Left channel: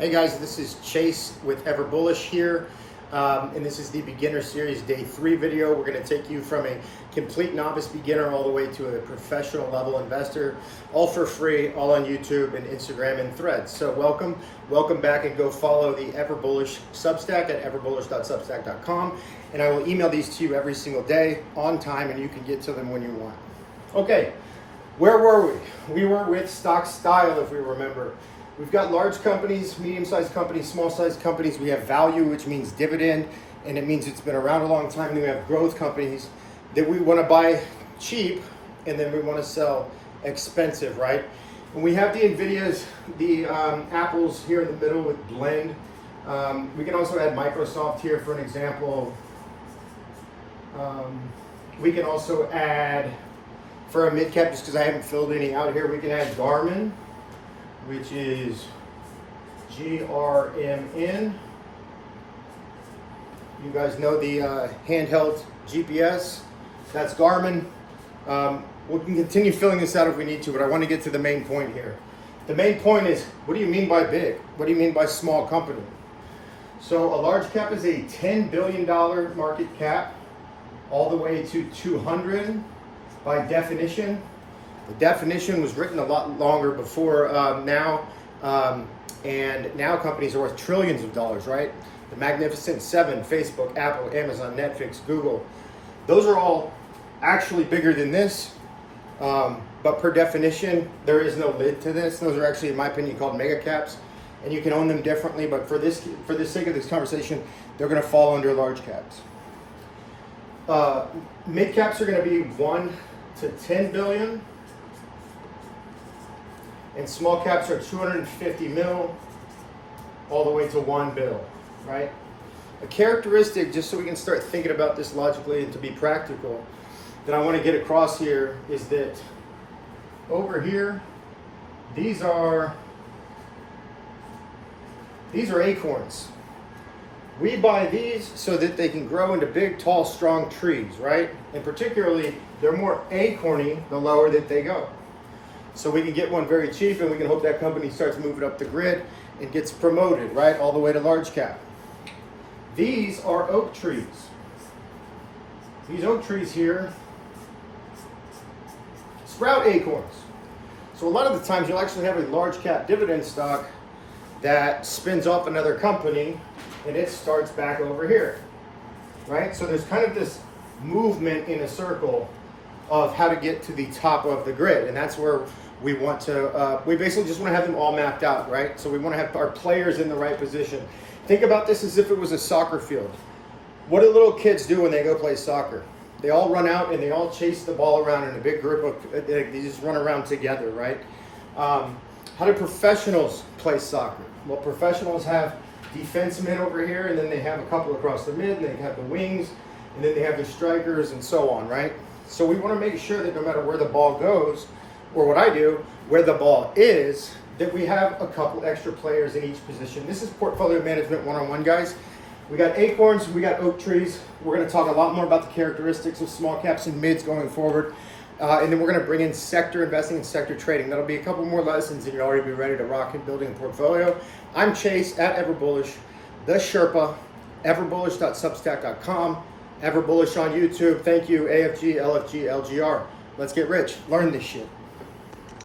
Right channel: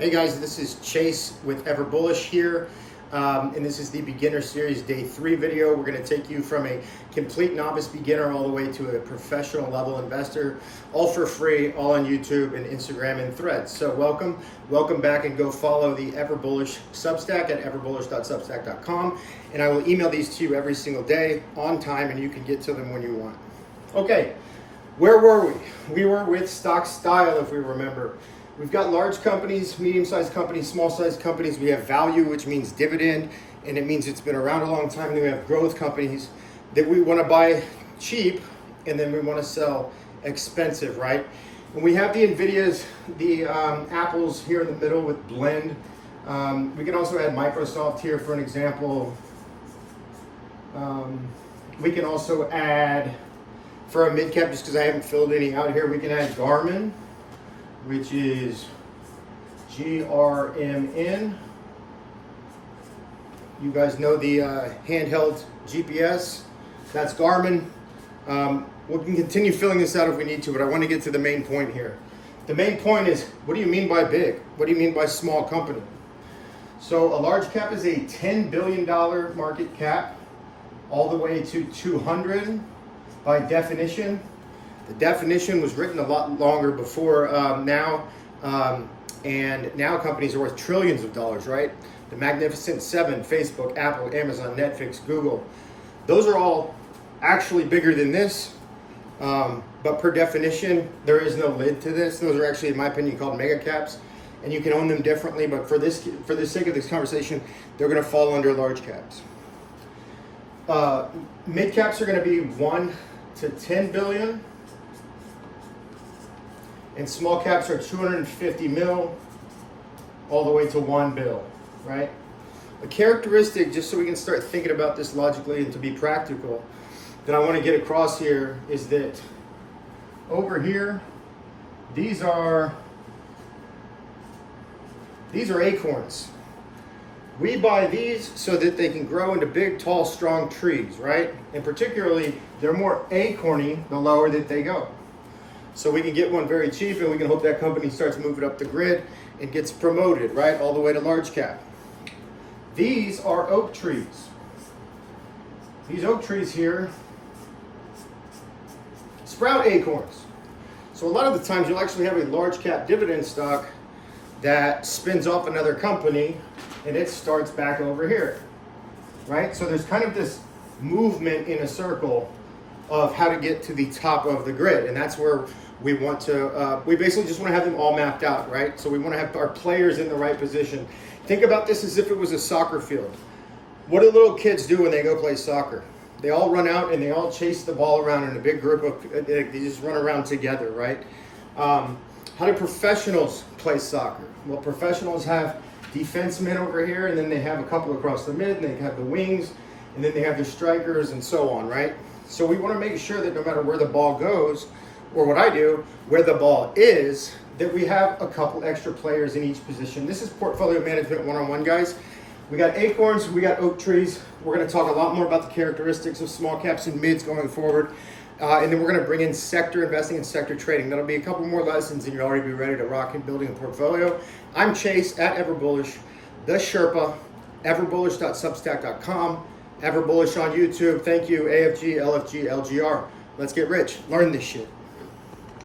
Hey guys, this is Chase with Everbullish here, and this is the Beginner Series Day 3 video. We're going to take you from a complete novice beginner all the way to a professional level investor, all for free, all on YouTube and Instagram and Threads. So welcome back, and go follow the Everbullish Substack at everbullish.substack.com, and I will email these to you every single day on time, and you can get to them when you want. Okay, where were we? We were with stock style, if we remember. We've got large companies, medium-sized companies, small-sized companies. We have value, which means dividend, and it means it's been around a long time. And we have growth companies that we want to buy cheap, and then we want to sell expensive, right? And we have the NVIDIAs, the Apples here in the middle with Blend. We can also add Microsoft here for an example. We can also add, for a mid-cap, just because I haven't filled any out here, we can add Garmin, which is GRMN. You guys know the handheld GPS. That's Garmin. We can continue filling this out if we need to, but I want to get to the main point here. The main point is, what do you mean by big? What do you mean by small company? So a large cap is a $10 billion market cap, all the way to 200 by definition. The definition was written a lot longer before now, and now companies are worth trillions of dollars, right? The Magnificent Seven, Facebook, Apple, Amazon, Netflix, Google, those are all actually bigger than this, but per definition, there is no lid to this. Those are actually, in my opinion, called mega caps, and you can own them differently, but for the sake of this conversation, they're gonna fall under large caps. Mid caps are gonna be 1 to 10 billion. And small caps are 250 mil all the way to 1 bill, right? A characteristic, just so we can start thinking about this logically and to be practical, that I want to get across here is that over here, these are acorns. We buy these so that they can grow into big, tall, strong trees, right? And particularly, they're more acorny the lower that they go. So we can get one very cheap, and we can hope that company starts moving up the grid and gets promoted, right, all the way to large cap. These are oak trees. These oak trees here sprout acorns. So a lot of the times you'll actually have a large cap dividend stock that spins off another company, and it starts back over here, right? So there's kind of this movement in a circle of how to get to the top of the grid, and that's where we want to, we basically just want to have them all mapped out, right? So we want to have our players in the right position. Think about this as if it was a soccer field. What do little kids do when they go play soccer? They all run out and they all chase the ball around in a big group of, they just run around together, right? How do professionals play soccer? Well, professionals have defensemen over here, and then they have a couple across the mid, and they have the wings, and then they have their strikers and so on, right? So we want to make sure that no matter where the ball goes, or what I do, where the ball is, that we have a couple extra players in each position. This is portfolio management 101, guys. We got acorns, we got oak trees. We're going to talk a lot more about the characteristics of small caps and mids going forward. And then we're going to bring in sector investing and sector trading. That'll be a couple more lessons, and you'll already be ready to rock and building a portfolio. I'm Chase at Everbullish, the Sherpa, everbullish.substack.com, Everbullish on YouTube. Thank you, AFG, LFG, LGR. Let's get rich. Learn this shit.